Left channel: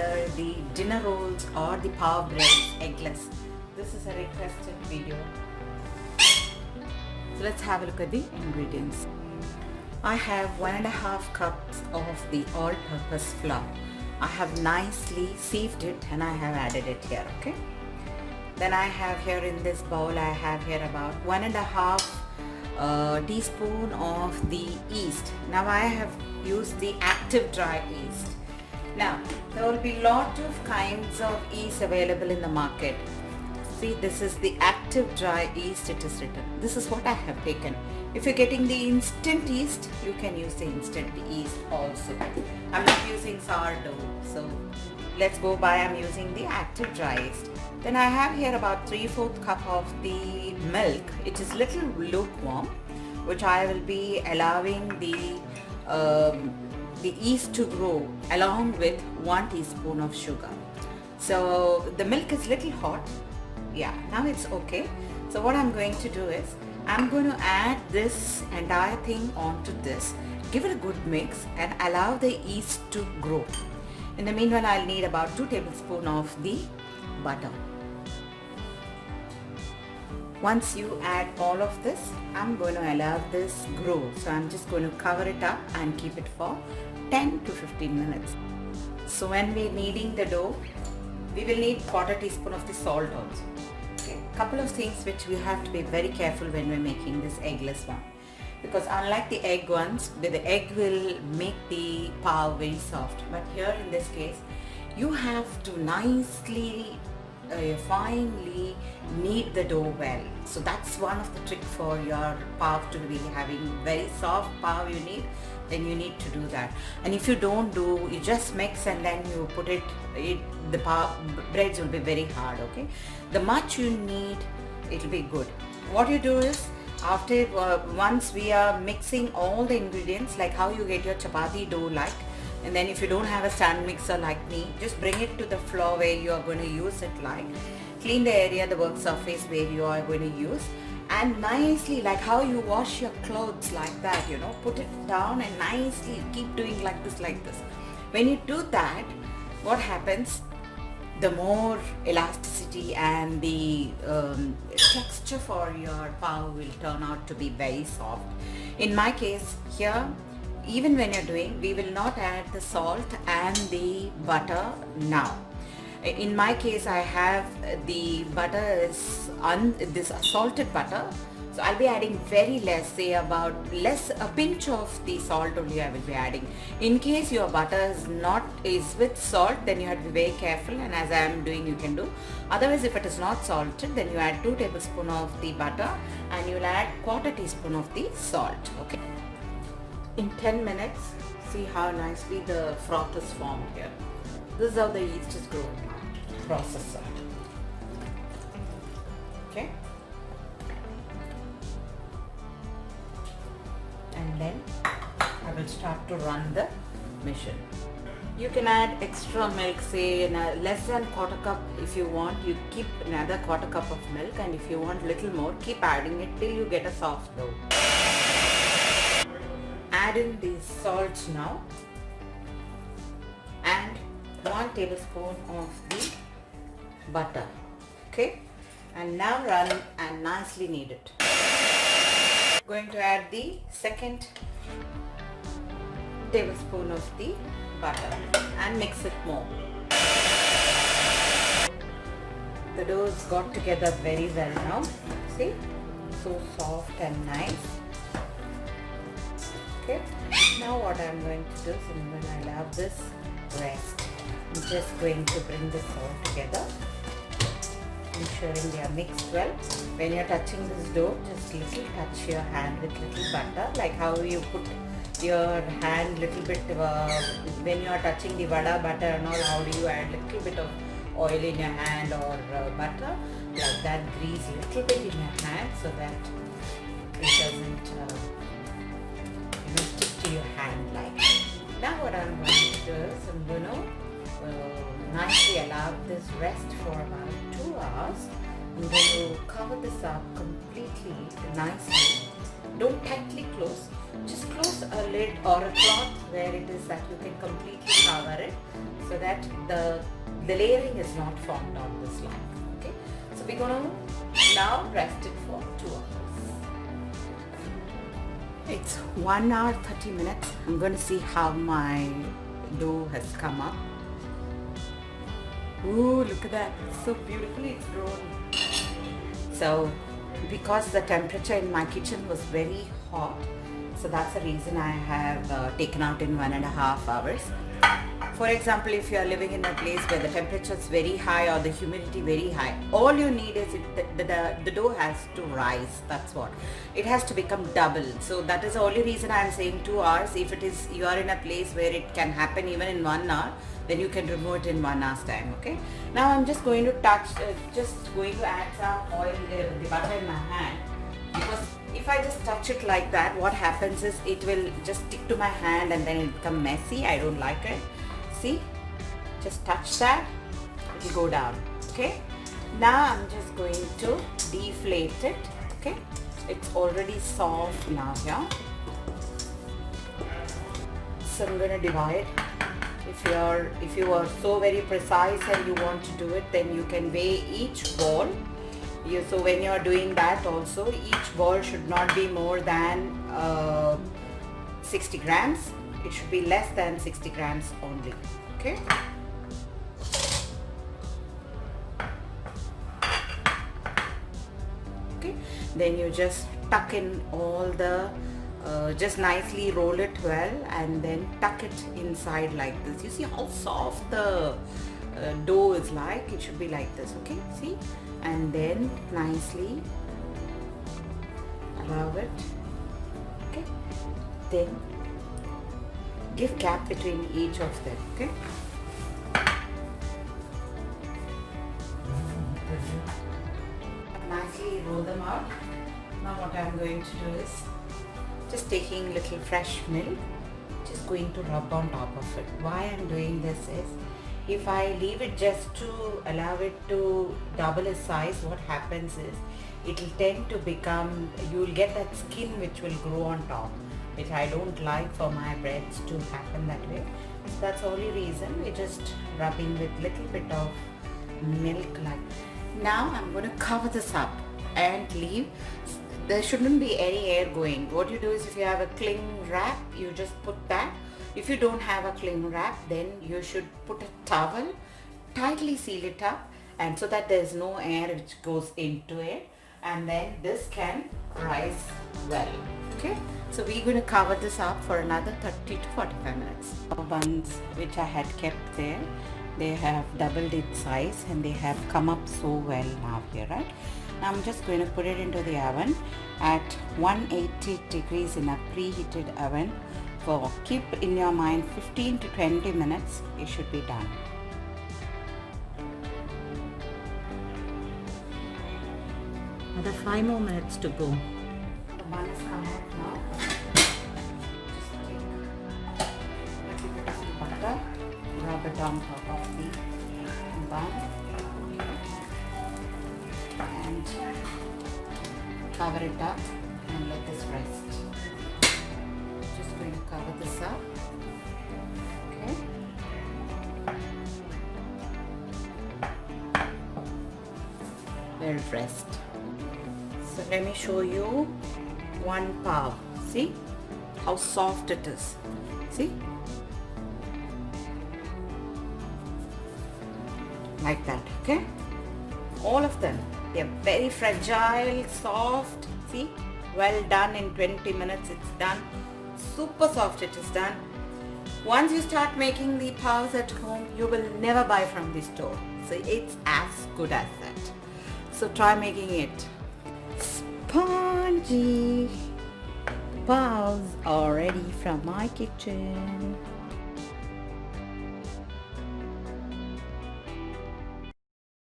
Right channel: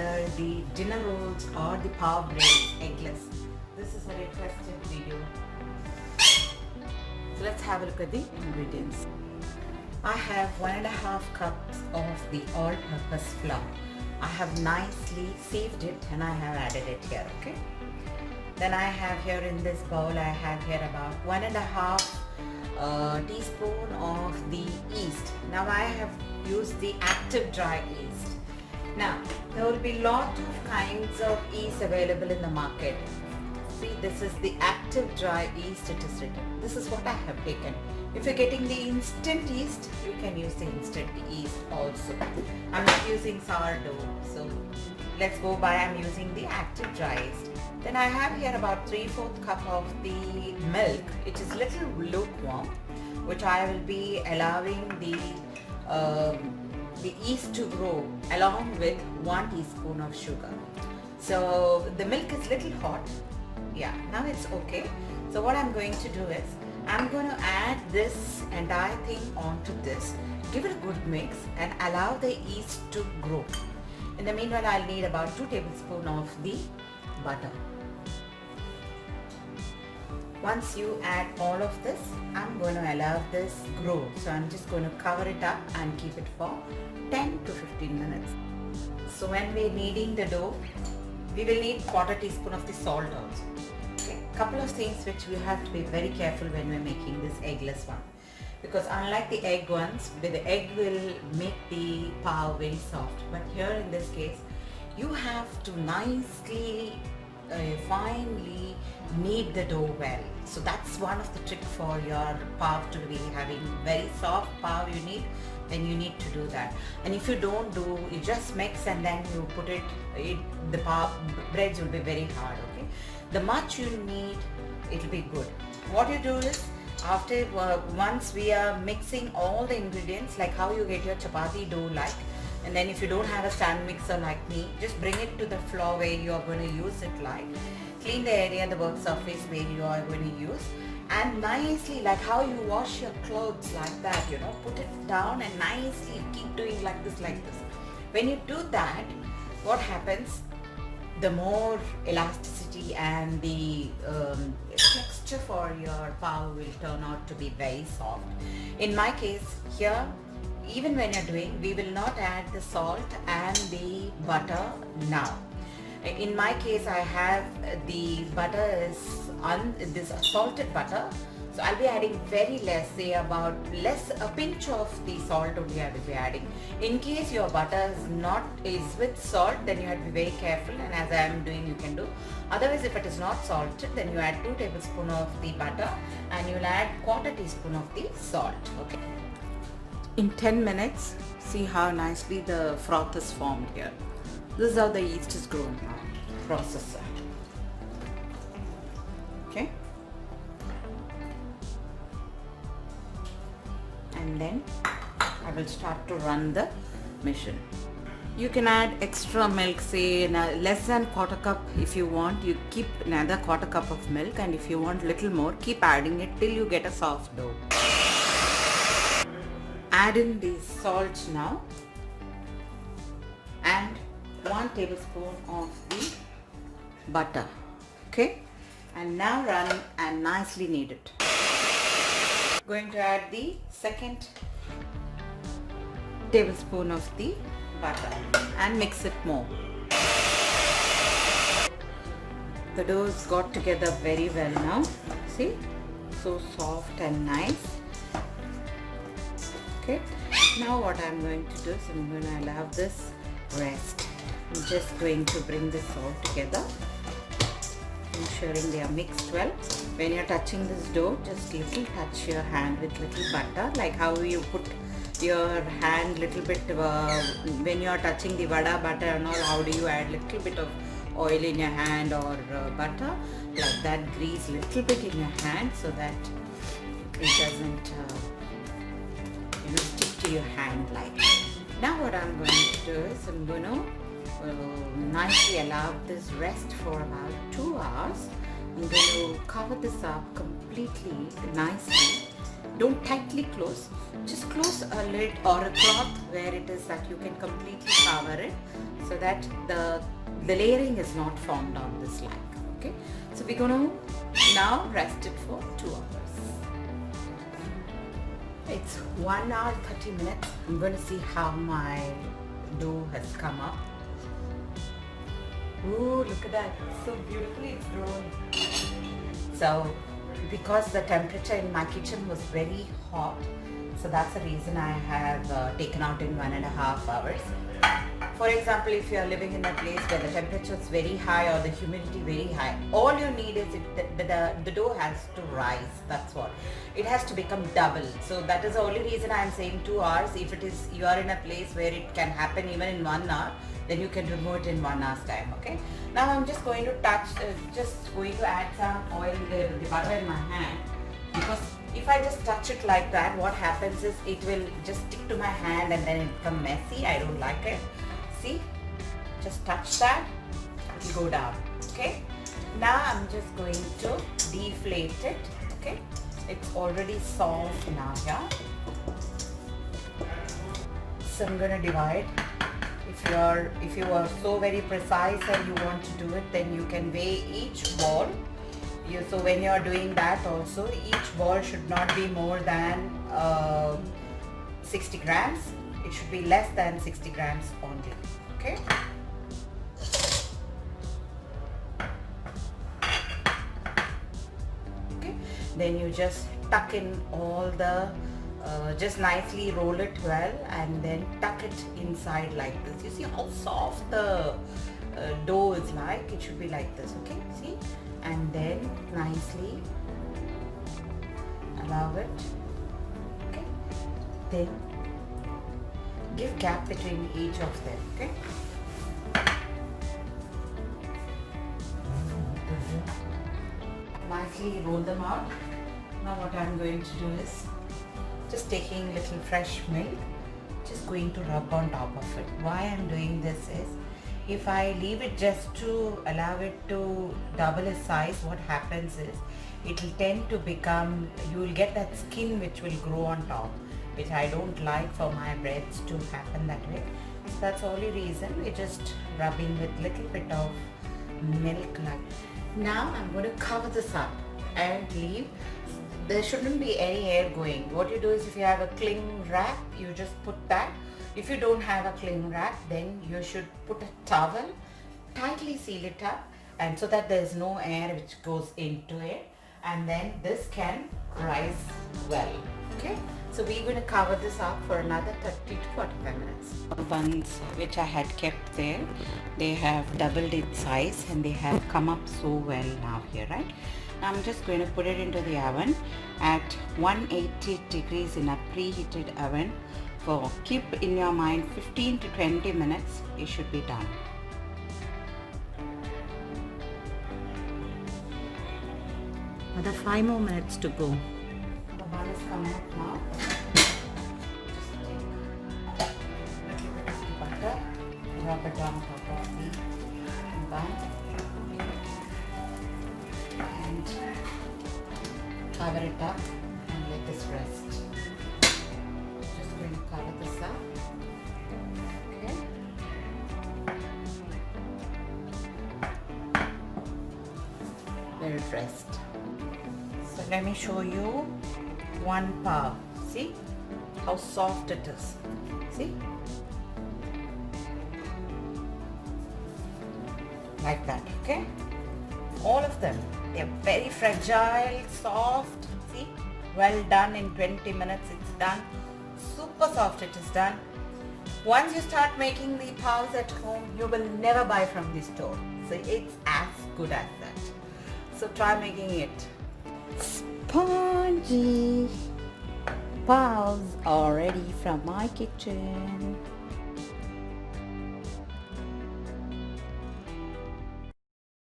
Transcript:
whether the dinner rolls or the Paav breads eggless. This is a requested video. So let's have a look at the ingredients. I have 1.5 cups of the all-purpose flour. I have nicely sieved it and I have added it here, okay? Then I have here in this bowl, I have here about 1.5 teaspoon of the yeast. Now I have used the active dry yeast. Now there will be lot of kinds of yeast available in the market. See, this is the active dry yeast, it is written. This is what I have taken. If you're getting the instant yeast, you can use the instant yeast also. I'm not using sourdough, so let's go by, I'm using the active dry yeast. Then I have here about 3/4 cup of the milk. It is little lukewarm, which I will be allowing the yeast to grow along with 1 teaspoon of sugar. So the milk is little hot. Yeah, now it's okay. So what I'm going to do is, I'm going to add this entire thing onto this. Give it a good mix and allow the yeast to grow. In the meanwhile, I'll need about 2 tablespoons of the butter. Once you add all of this, I'm going to allow this grow. So I'm just going to cover it up and keep it for 10 to 15 minutes. So when we're kneading the dough, we will need 1/4 teaspoon of the salt also. Okay. Couple of things which we have to be very careful when we're making this eggless one. Because unlike the egg ones, the egg will make the paav very soft. But here in this case, you have to nicely, finely knead the dough well. So that's one of the trick for your paav to be having very soft paav you need. Then you need to do that. And if you don't do, you just mix and then you put the paav breads will be very hard, okay? The much you need, it will be good. What you do is, after once we are mixing all the ingredients, like how you get your chapati dough like, and then if you don't have a stand mixer like me, just bring it to the floor where you are going to use it like. Clean the area, the work surface where you are going to use, and nicely, like how you wash your clothes like that, you know, put it down and nicely keep doing like this. When you do that, what happens, the more elasticity and the texture for your paav will turn out to be very soft. In my case here, even when you're doing, we will not add the salt and the butter now. In my case, I have the butter is this salted butter, so I'll be adding very less, say about a pinch of the salt only I will be adding. In case your butter is with salt, then you have to be very careful, and as I am doing, you can do. Otherwise, if it is not salted, then you add 2 tablespoons of the butter and you'll add 1/4 teaspoon of the salt. Okay. In 10 minutes, see how nicely the froth is formed here. This is how the yeast is grown. Processor. Okay. And then I will start to run the machine. You can add extra milk, say less than 1/4 cup if you want. You keep another 1/4 cup of milk, and if you want little more, keep adding it till you get a soft dough. Add in the salt now and 1 tablespoon of the butter. Okay, and now run and nicely knead it. Going to add the 2nd tablespoon of the butter and mix it more. The dough is got together very well now. See, so soft and nice. Okay, now what I'm going to do is I'm going to allow this rest. I'm just going to bring this all together, ensuring they are mixed well. When you're touching this dough, just little touch your hand with little butter, like how you put your hand little bit when you're touching the vada butter and all, how do you add little bit of oil in your hand or butter, like that, grease little bit in your hand so that it doesn't stick to your hand like. Now what I'm going to do is I'm going to nicely allow this rest for about 2 hours. I'm going to cover this up completely nicely. Don't tightly close, just close a lid or a cloth where it is that you can completely cover it so that the layering is not formed on this line. Okay, so we're going to now rest it for 2 hours. It's 1 hour 30 minutes. I'm going to see how my dough has come up. Ooh, look at that. It's so beautifully it's grown. So because the temperature in my kitchen was very hot, so that's the reason I have taken out in 1.5 hours. For example, if you are living in a place where the temperature is very high or the humidity very high, all you need is the dough has to rise. That's what. It has to become double. So that is the only reason I am saying 2 hours. If it is you are in a place where it can happen even in 1 hour, then you can remove it in 1 hour's time. Okay. Now I'm just going to add some oil, the butter in my hand, because if I just touch it like that, what happens is it will just stick to my hand and then it become messy. I don't like it. See, just touch that, it will go down. Okay, now I'm just going to deflate it. Okay, it's already soft now here. So I'm going to divide. If you are so very precise and you want to do it, then you can weigh each ball. So when you are doing that also, each ball should not be more than 60 grams. It should be less than 60 grams only. Okay. Okay. Then you just tuck in all the, just nicely roll it well and then tuck it inside like this. You see how soft the dough is like? It should be like this. Okay. See? And then nicely allow it. Okay. Then give gap between each of them. Okay. Nicely roll them out. Now what I am going to do is just taking little fresh milk, just going to rub on top of it. Why I am doing this is, if I leave it just to allow it to double its size, what happens is it will tend to become, you will get that skin which will grow on top, which I don't like for my breads to happen that way. So that's the only reason. We're just rubbing with little bit of milk like. Now I'm going to cover this up and leave. There shouldn't be any air going. What you do is, if you have a cling wrap, you just put that. If you don't have a cling wrap, then you should put a towel, tightly seal it up, and so that there is no air which goes into it, and then this can rise well. Okay, so we're going to cover this up for another 30 to 45 minutes. Buns which I had kept there, they have doubled in size and they have come up so well now here, right? Now I'm just going to put it into the oven at 180 degrees in a preheated oven for, keep in your mind, 15 to 20 minutes. It should be done. Another 5 more minutes to go. The bun is coming up now. Just take a little bit of butter, rub it on top of the bun, and cover it up and let this rest. Just going to cover this up. Okay. Let it rest. So let me show you one paav. See how soft it is. See? Like that, okay? All of them. They are very fragile, soft. See? Well done. In 20 minutes it's done. Super soft it is done. Once you start making the paavs at home, you will never buy from the store. So it's as good as that. So try making it. Spongy paavs are ready from my kitchen.